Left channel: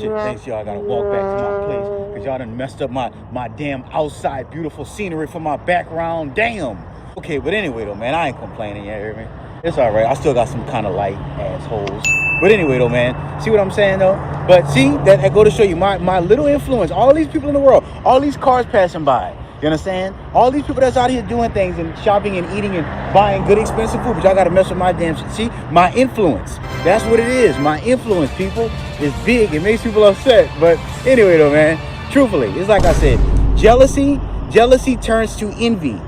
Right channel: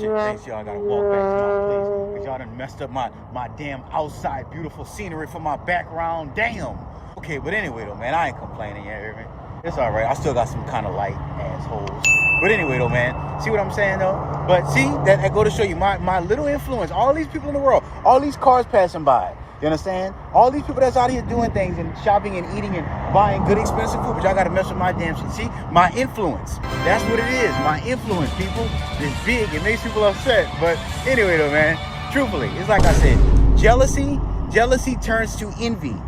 shit. Thanks, y'all. I gotta walk back to my place because y'all done messed up my damn outside beautiful scenery for my background. Damn. Okay, but anyway though, man, I ain't complaining. You hear me? It's all right. I still got some kind of light assholes. But anyway though, man, see what I'm saying though? But see, that go to show you my little influence. All these people in the world, all these cars passing by. You understand? All these people that's out here doing things and shopping and eating and buying good expensive food, but y'all gotta mess with my damn shit. See, my influence. That's what it is. My influence, people, is big. It makes people upset. But anyway though, man, truthfully, it's like I said, jealousy turns to envy.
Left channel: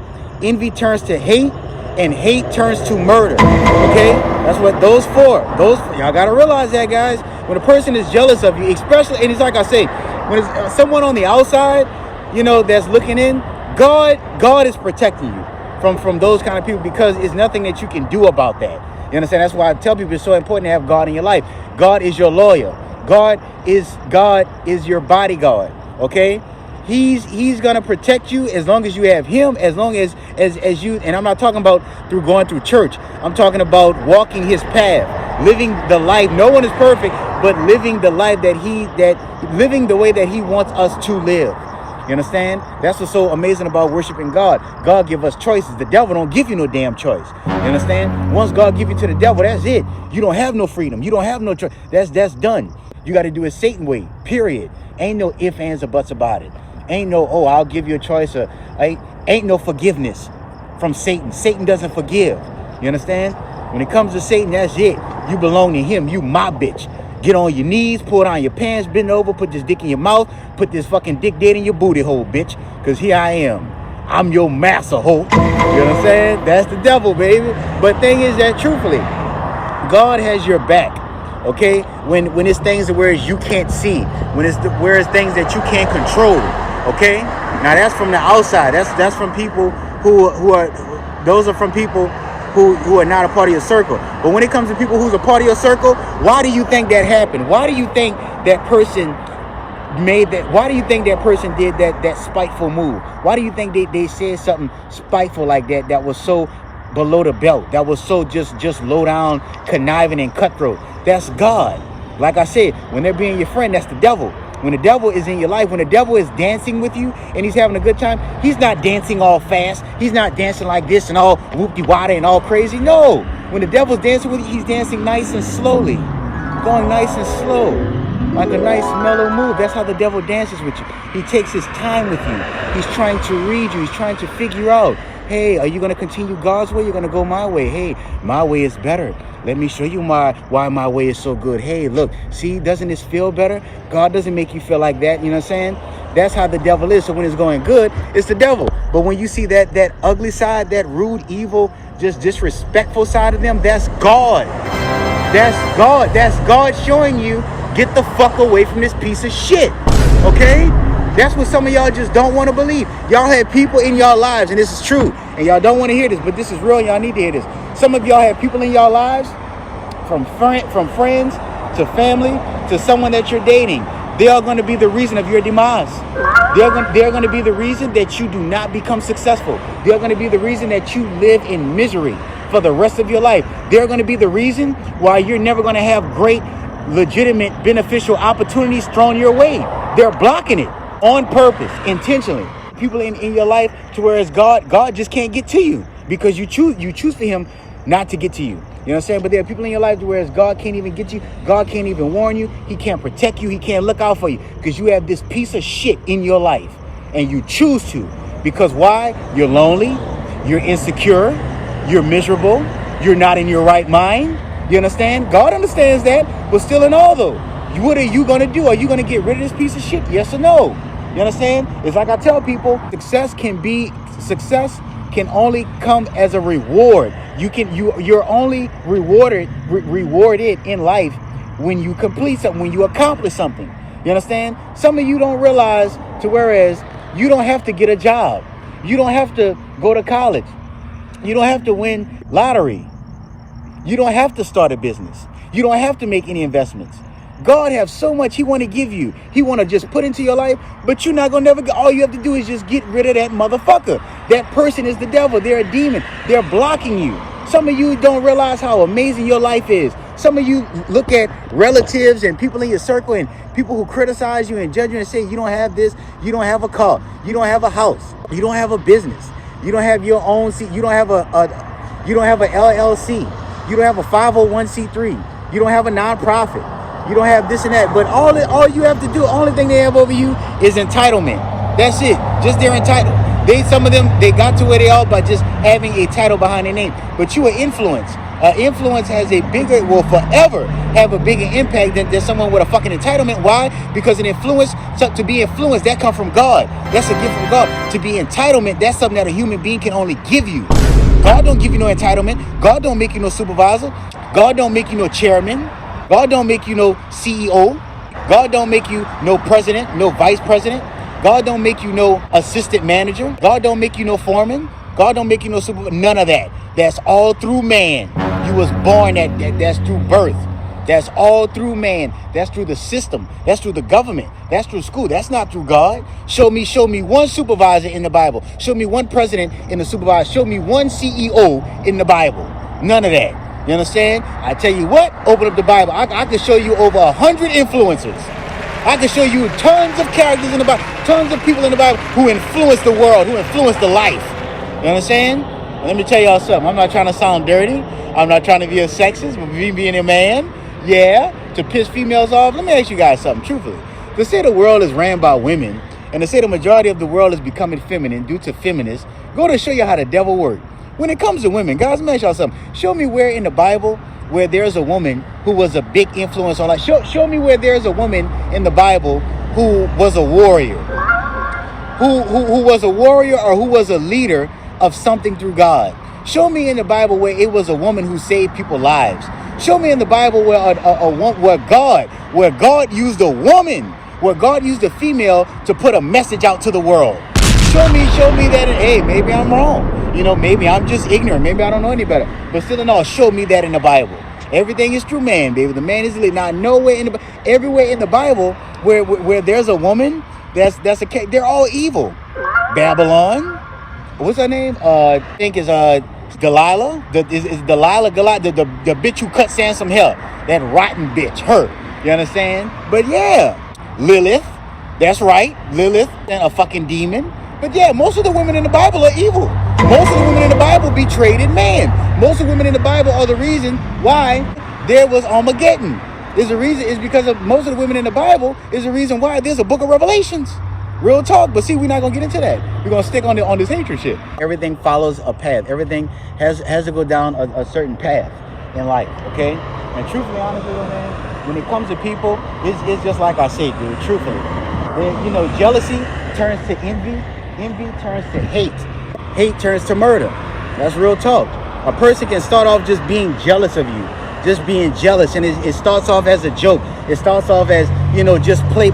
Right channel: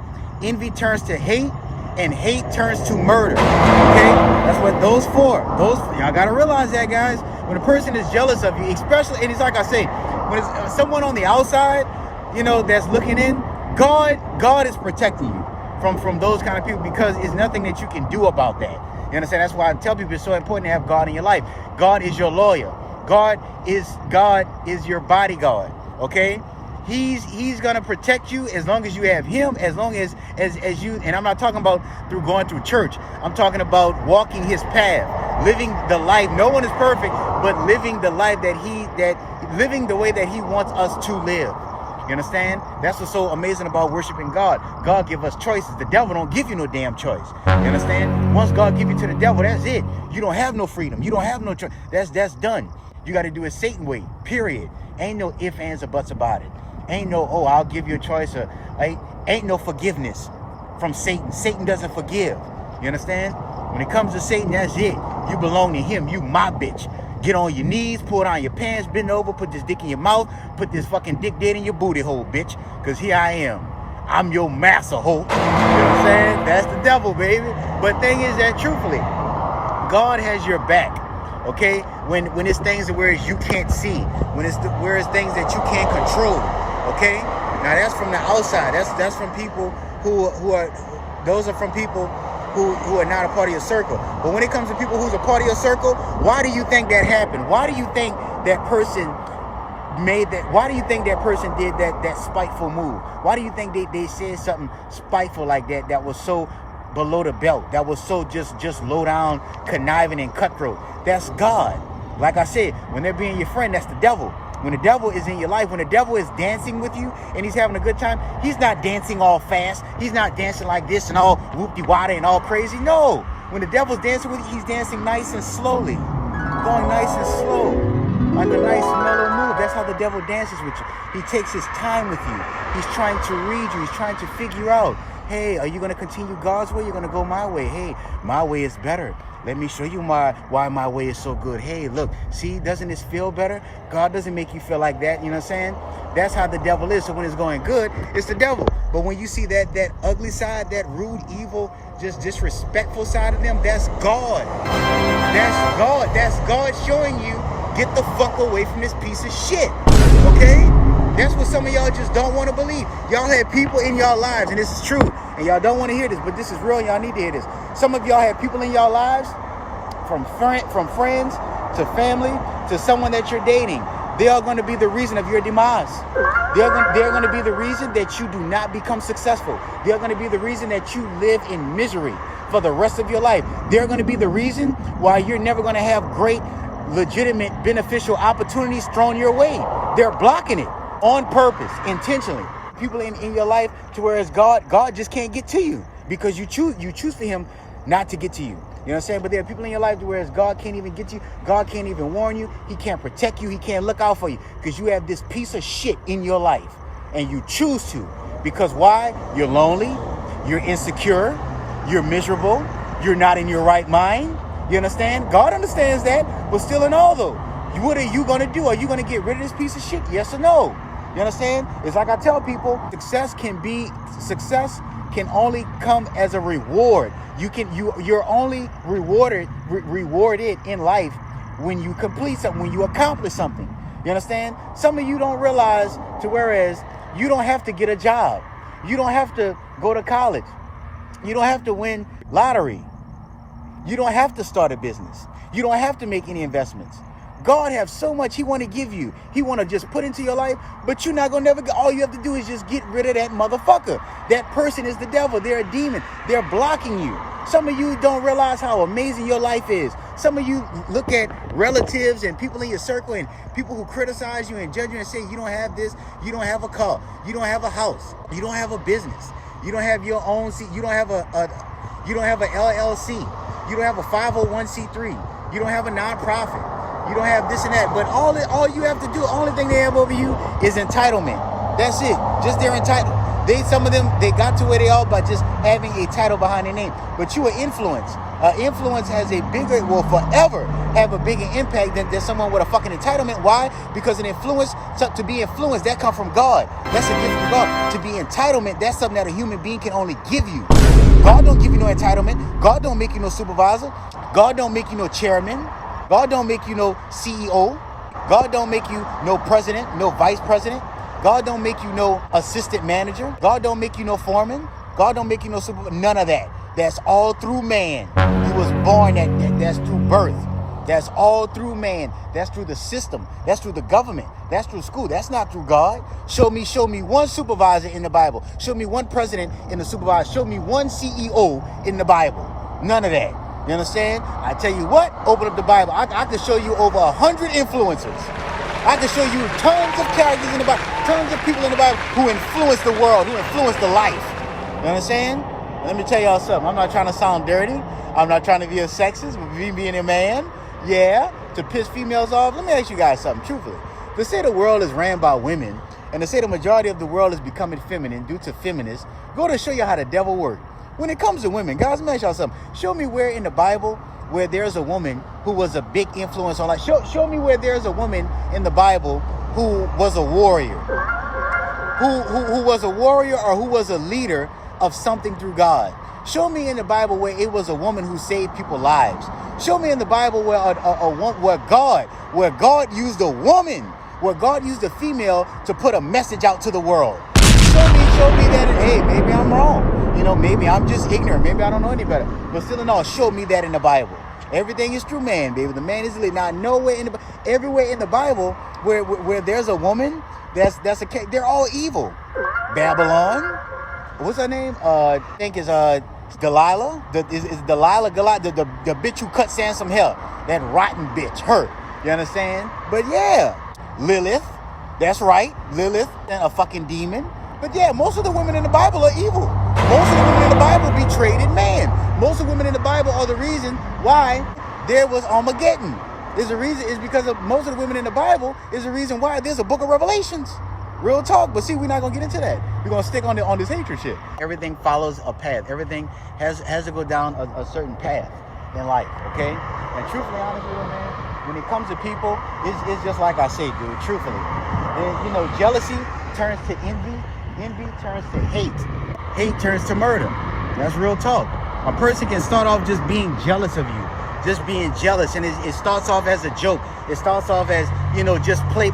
Envy turns to hate, and hate turns to murder. Okay? That's what those for. Y'all gotta realize that, guys. When a person is jealous of you, especially, and it's like I say, when it's someone on the outside, you know, that's looking in, God is protecting you from those kind of people, because it's nothing that you can do about that. You understand? That's why I tell people it's so important to have God in your life. God is your lawyer. God is your bodyguard. Okay? He's gonna protect you as long as you have him, as long as you, and I'm not talking about through going through church. I'm talking about walking his path, living the life. No one is perfect, but living the life living the way that he wants us to live. You understand? That's what's so amazing about worshiping God. God give us choices. The devil don't give you no damn choice. You understand? Once God give you to the devil, that's it. You don't have no freedom. You don't have no choice. That's done. You got to do it Satan way, period. Ain't no ifs, ands, or buts about it. Ain't no, oh, I'll give you a choice. Or ain't no forgiveness from Satan. Satan doesn't forgive. You understand? When it comes to Satan, that's it. You belong to him. You my bitch. Get on your knees, pull down your pants, bend over, put this dick in your mouth, put this fucking dick dead in your booty hole, bitch. Because here I am. I'm your master hoe. You know what I'm saying? That's the devil, baby. But thing is that, truthfully, God has your back. Okay? When it's things where you can't see. Where it's things that you can't control. Okay? Now that's from the outside. That's from people who are from people who are not a part of your circle. But when it comes to people who's a part of your circle, why do you think that happened? Why do you think that person made that? Why do you think that person did that spiteful move? Why do you think they said something spiteful like that was so below the belt, that was so just low down, conniving and cutthroat? That's God. Like I said, when they're being your friend, that's the devil. When the devil is in your life, when the devil is dancing with you and he's having a good time, he's not dancing all fast. He's not dancing like this and all whoop-de-wada and all crazy. No. When the devil's dancing with you, he's dancing nice and slowly. Going nice and slow. Like a nice mellow move. That's how the devil dances with you. He takes his time with you. He's trying to read you. He's trying to figure out, hey, are you going to continue God's way? You're going to go my way. Hey, my way is better. Let me show you why my way is so good. Hey, look, see, doesn't this feel better? God doesn't make you feel like that. You know what I'm saying? That's how the devil is. So when it's going good, it's the devil. But when you see that ugly side, that rude, evil, just disrespectful side of them, that's God. That's God. That's God showing you, get the fuck away from this piece of shit. Okay? That's what some of y'all just don't want to believe. Y'all had people in y'all lives, and this is true, and y'all don't want to hear this, but this is real. Y'all need to hear this. Some of y'all have people in y'all lives, from friends to family to someone that you're dating. They are going to be the reason of your demise. They're going to be the reason that you do not become successful. They're going to be the reason that you live in misery for the rest of your life. They're going to be the reason why you're never going to have great, legitimate, beneficial opportunities thrown your way. They're blocking it. On purpose, intentionally. People in your life to where it's God just can't get to you because you choose for him not to get to you. You know what I'm saying? But there are people in your life to where it's God can't even get to you. God can't even warn you. He can't protect you. He can't look out for you because you have this piece of shit in your life and you choose to. Because why? You're lonely. You're insecure. You're miserable. You're not in your right mind. You understand? God understands that. But still in all though, what are you going to do? Are you going to get rid of this piece of shit? Yes or no? You understand? It's like I tell people, success can only come as a reward. You're only rewarded in life when you complete something, when you accomplish something. You understand? Some of you don't realize to whereas you don't have to get a job. You don't have to go to college. You don't have to win lottery. You don't have to start a business. You don't have to make any investments. God has so much he want to give you. He want to just put into your life, but you're not going to never get, all you have to do is just get rid of that motherfucker. That person is the devil. They're a demon. They're blocking you. Some of you don't realize how amazing your life is. Some of you look at relatives and people in your circle and people who criticize you and judge you and say you don't have this, you don't have a car, you don't have a house, you don't have a business, you don't have your own seat, you don't have a LLC, you don't have a 501c3, you don't have a nonprofit, you don't have this and that. But all you have to do, only thing they have over you is entitlement. That's it. Just they're entitled. Some of them, they got to where they are by just having a title behind their name. But you are influence. Influence has will forever have a bigger impact than someone with a fucking entitlement. Why? Because an influence, to be influenced, that comes from God. That's a gift from God. To be entitlement, that's something that a human being can only give you. God don't give you no entitlement. God don't make you no supervisor. God don't make you no chairman. God don't make you no CEO. God don't make you no president, no vice president. God don't make you no assistant manager. God don't make you no foreman. God don't make you no supervisor. None of that. That's all through man. You was born that's through birth. That's all through man. That's through the system. That's through the government. That's through school. That's not through God. Show me one supervisor in the Bible. Show me one president in the supervisor. Show me one CEO in the Bible. None of that. You understand? I tell you what, open up the Bible. I can show you over 100 influencers. I can show you tons of characters in the Bible, tons of people in the Bible who influence the world, who influence the life. You understand? Let me tell y'all something. I'm not trying to sound dirty. I'm not trying to be a sexist, but me being a man, to piss females off. Let me ask you guys something, truthfully. To say the world is ran by women, and to say the majority of the world is becoming feminine due to feminists, go to show you how the devil works. When it comes to women, guys, let me ask y'all something. Show me where in the Bible where there's a woman who was a big influence on life. Show me where there's a woman in the Bible who was a warrior. Who was a warrior or who was a leader of something through God. Show me in the Bible where it was a woman who saved people's lives. Show me in the Bible where God used a woman, where God used a female to put a message out to the world. Show me that, hey, maybe I'm wrong. Maybe I'm just ignorant. Maybe I don't know any better. But still in all, show me that in the Bible. Everything is through man, baby. The man is lead. Not nowhere everywhere in the Bible where there's a woman, that's a case. They're all evil. Babylon. What's her name? I think is Delilah. Is Delilah the bitch who cut Sansom hair? That rotten bitch. Her. You understand? But yeah, Lilith. That's right. Lilith, a fucking demon. But yeah, most of the women in the Bible are evil. Most of the women in the Bible betrayed man. Most of the women in the Bible are the reason why there was Armageddon. There's a reason. It's because of most of the women in the Bible is the reason why there's a book of Revelations. Real talk. But see, we're not gonna get into that. We're gonna stick on this hatred shit. Everything follows a path. Everything has to go down a certain path in life. Okay. And truthfully, honestly, man, when it comes to people, it's just like I say, dude. Truthfully, jealousy turns to envy. Envy turns to hate. Hate turns to murder. That's real talk. A person can start off just being jealous of you. Just being jealous. And it starts off as a joke. It starts off as, just play.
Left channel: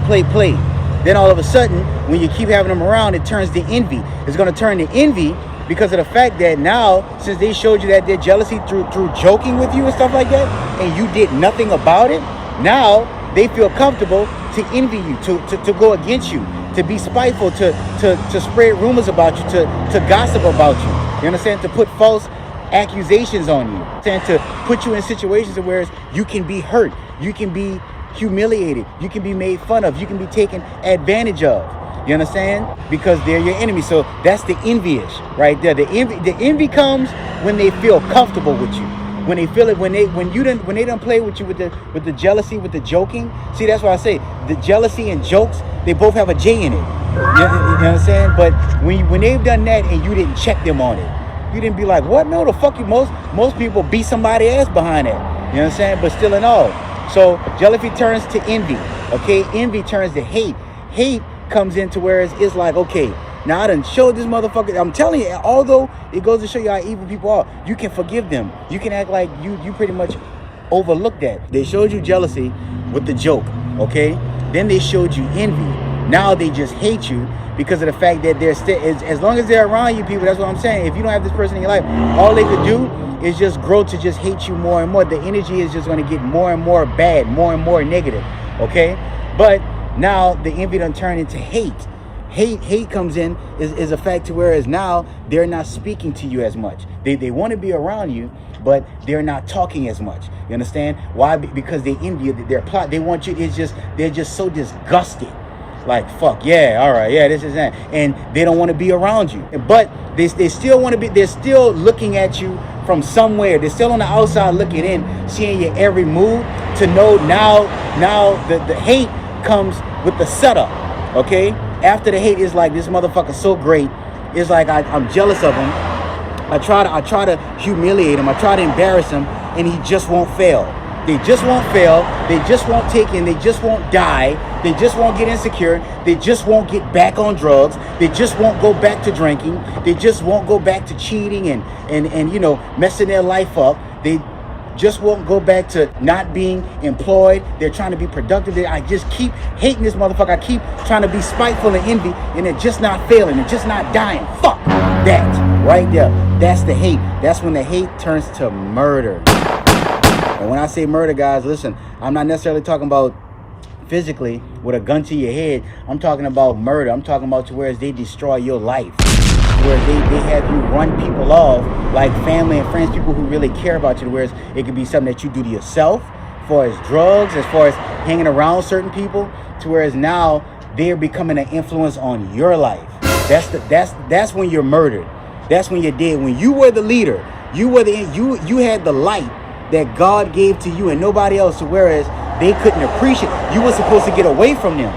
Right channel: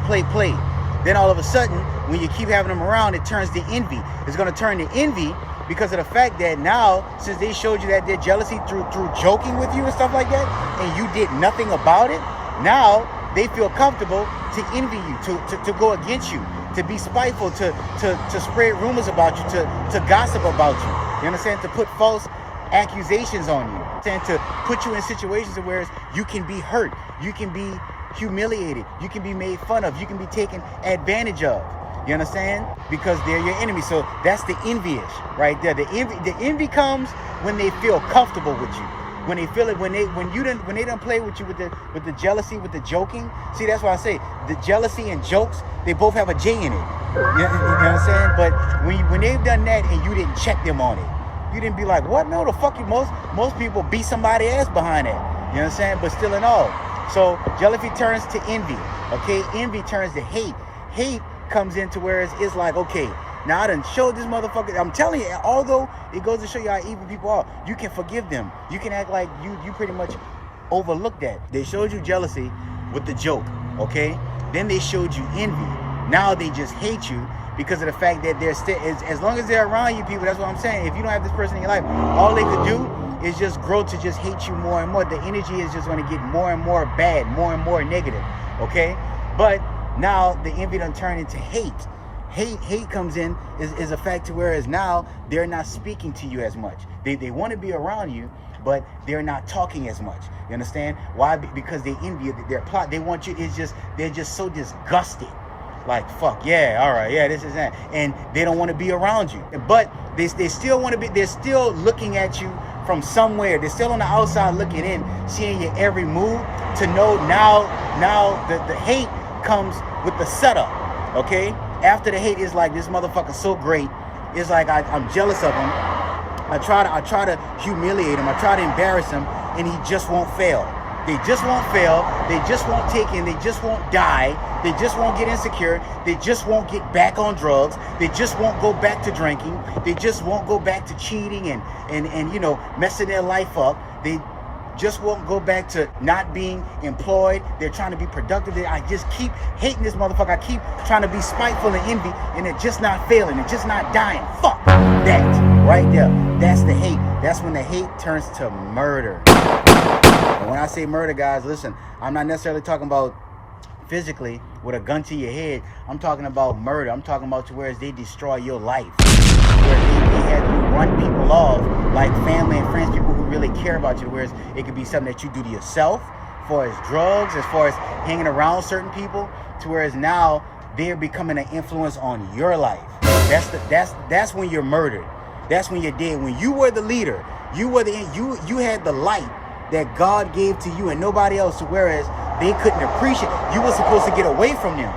Then all of a sudden, when you keep having them around, it turns to envy. It's going to turn to envy because of the fact that now, since they showed you that their jealousy through joking with you and stuff like that, and you did nothing about it, now they feel comfortable to envy you, to go against you, to be spiteful, to spread rumors about you, to gossip about you. You understand? To put false accusations on you, and to put you in situations where you can be hurt, you can be humiliated, you can be made fun of, you can be taken advantage of. You understand? Because they're your enemy. So that's the envious right there. The envy comes when they feel comfortable with you. When they feel it, when they don't play with you with the jealousy, with the joking. See, that's why I say the jealousy and jokes, they both have a J in it. You understand? But when they've done that and you didn't check them on it, you didn't be like, what? No, the fuck you. Most people beat somebody ass behind that. You understand? But still in all. So jealousy turns to envy. Okay, envy turns to hate. Hate comes into where it's like, okay, now I done showed this motherfucker. I'm telling you, although it goes to show you how evil people are, you can forgive them. You can act like you pretty much overlooked that. They showed you jealousy with the joke, okay? Then they showed you envy. Now they just hate you because of the fact that they're still, as long as they're around you people, that's what I'm saying. If you don't have this person in your life, all they could do is just grow to just hate you more and more. The energy is just going to get more and more bad, more and more negative, okay? But now the envy done turned into hate. Hate comes in is a fact to whereas now they're not speaking to you as much. They want to be around you, but they're not talking as much. You understand? Why? Because they envy you. Their plot, they want you, they're just so disgusted. Like, fuck, yeah, all right, yeah, this is that. And they don't want to be around you. But they still want to be, they're still looking at you from somewhere. They're still on the outside looking in, seeing your every move to know now the hate comes with the setup, okay? After the hate is like, this motherfucker's so great. It's like, I'm jealous of him. I try to humiliate him. I try to embarrass him, and he just won't fail. They just won't fail. They just won't take in. They just won't die. They just won't get insecure. They just won't get back on drugs. They just won't go back to drinking. They just won't go back to cheating and you know, messing their life up. They just won't go back to not being employed. They're trying to be productive. I just keep hating this motherfucker. I keep trying to be spiteful and envy, and they're just not failing. They're just not dying. Fuck that right there. That's the hate. That's when the hate turns to murder. And when I say murder, guys, listen, I'm not necessarily talking about physically with a gun to your head. I'm talking about murder. I'm talking about to where they destroy your life. Where they had run people off, like family and friends, people who really care about you, whereas it could be something that you do to yourself, as far as drugs, as far as hanging around certain people, to whereas now they're becoming an influence on your life. That's when you're murdered. That's when you're dead. When you were the leader, you had the light that God gave to you and nobody else, to whereas they couldn't appreciate. You were supposed to get away from them.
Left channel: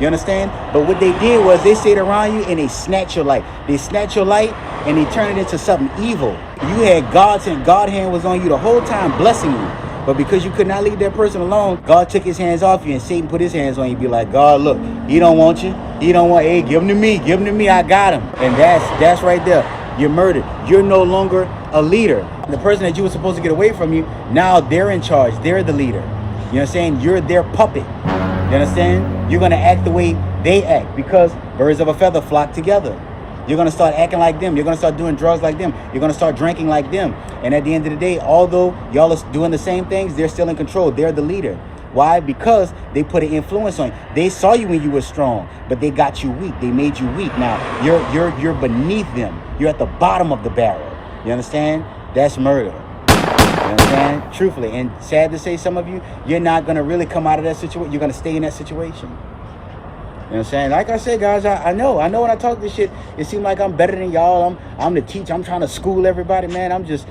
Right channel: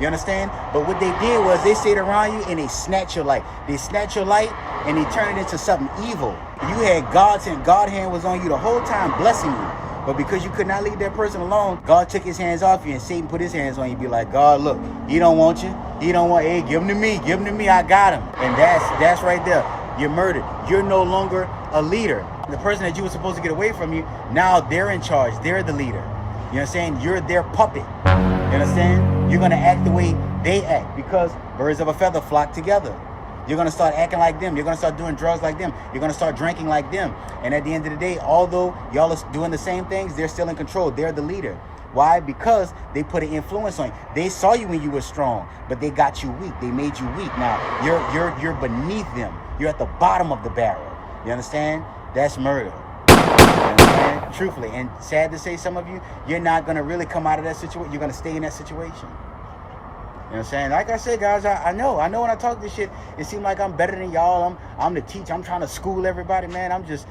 You understand? But what they did was they stayed around you and they snatched your light. They snatched your light and they turned it into something evil. You had God's hand. God's hand was on you the whole time, blessing you. But because you could not leave that person alone, God took his hands off you, and Satan put his hands on you. Be like, God, look, he don't want you. He don't want, hey, give him to me. Give him to me. I got him. And that's right there. You're murdered. You're no longer a leader. The person that you were supposed to get away from you, now they're in charge. They're the leader. You know what I'm saying? You're their puppet. You understand? You're going to act the way they act, because birds of a feather flock together. You're going to start acting like them. You're going to start doing drugs like them. You're going to start drinking like them. And at the end of the day, although y'all are doing the same things, they're still in control. They're the leader. Why? Because they put an influence on you. They saw you when you were strong, but they got you weak. They made you weak. Now you're beneath them. You're at the bottom of the barrel. You understand? That's murder. You understand? Truthfully, and sad to say, some of you, you're not gonna really come out of that situation. You're gonna stay in that situation. You know what I'm saying? Like I said, guys, I know when I talk this shit, it seems like I'm better than y'all. I'm the teacher. I'm trying to school everybody, man. I'm just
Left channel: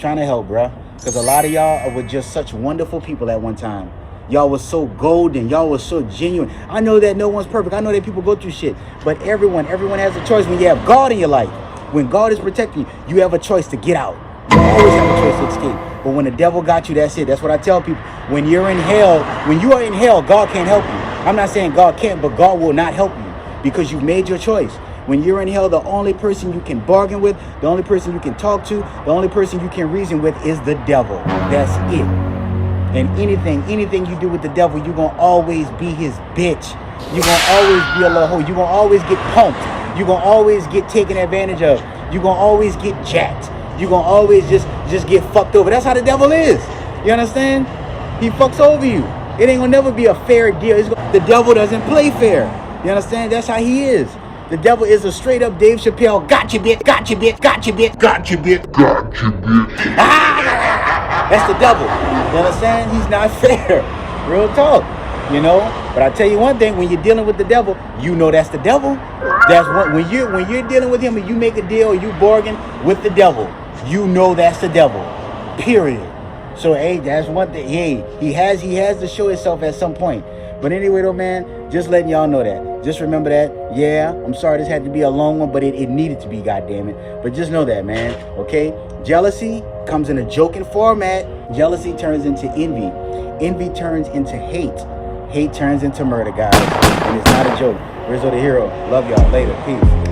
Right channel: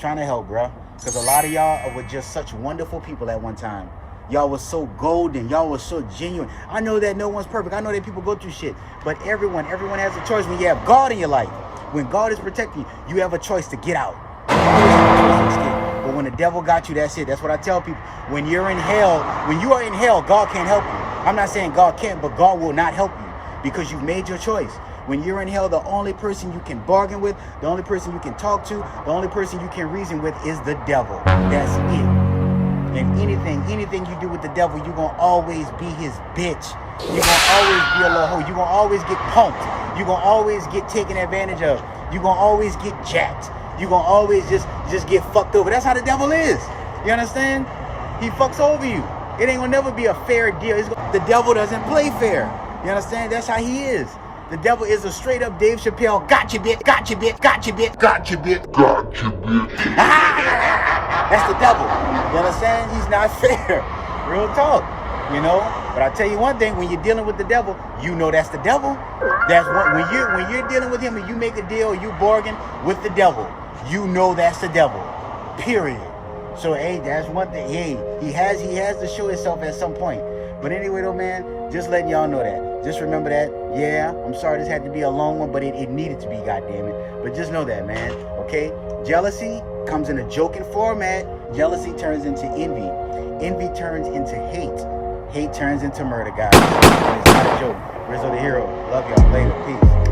trying to help, bro. Because a lot of y'all were just such wonderful people at one time. Y'all was so golden. Y'all was so genuine. I know that no one's perfect. I know that people go through shit. But everyone has a choice. When you have God in your life, when God is protecting you, you have a choice to get out. You always have a choice to escape. But when the devil got you, that's it. That's what I tell people. When you're in hell, when you are in hell, God can't help you. I'm not saying God can't, but God will not help you because you've made your choice. When you're in hell, the only person you can bargain with, the only person you can talk to, the only person you can reason with is the devil. That's it. And anything you do with the devil, you're going to always be his bitch. You're going to always be a little hoe. You're going to always get pumped. You're going to always get taken advantage of. You're going to always get jacked. You're going to always just get fucked over. That's how the devil is. You understand? He fucks over you. It ain't going to never be a fair deal. The devil doesn't play fair. You understand? That's how he is. The devil is a straight up Dave Chappelle. Gotcha, bitch. Gotcha, bitch. Gotcha, bitch. Gotcha, bitch. Gotcha, bitch. That's the devil. You understand? He's not fair. Real talk. You know? But I tell you one thing, when you're dealing with the devil, you know that's the devil. That's what when you're dealing with him and you make a deal or you bargain with the devil, you know that's the devil. Period. So hey, that's one thing. Hey, he has to show himself at some point. But anyway though, man, just letting y'all know that. Just remember that. Yeah, I'm sorry this had to be a long one, but it needed to be, goddammit. But just know that, man. Okay? Jealousy comes in a joking format. Jealousy turns into envy. Envy turns into hate. Hate turns into murder, guys. And it's not a joke. Rizzo the Hero. Love y'all. Later. Peace.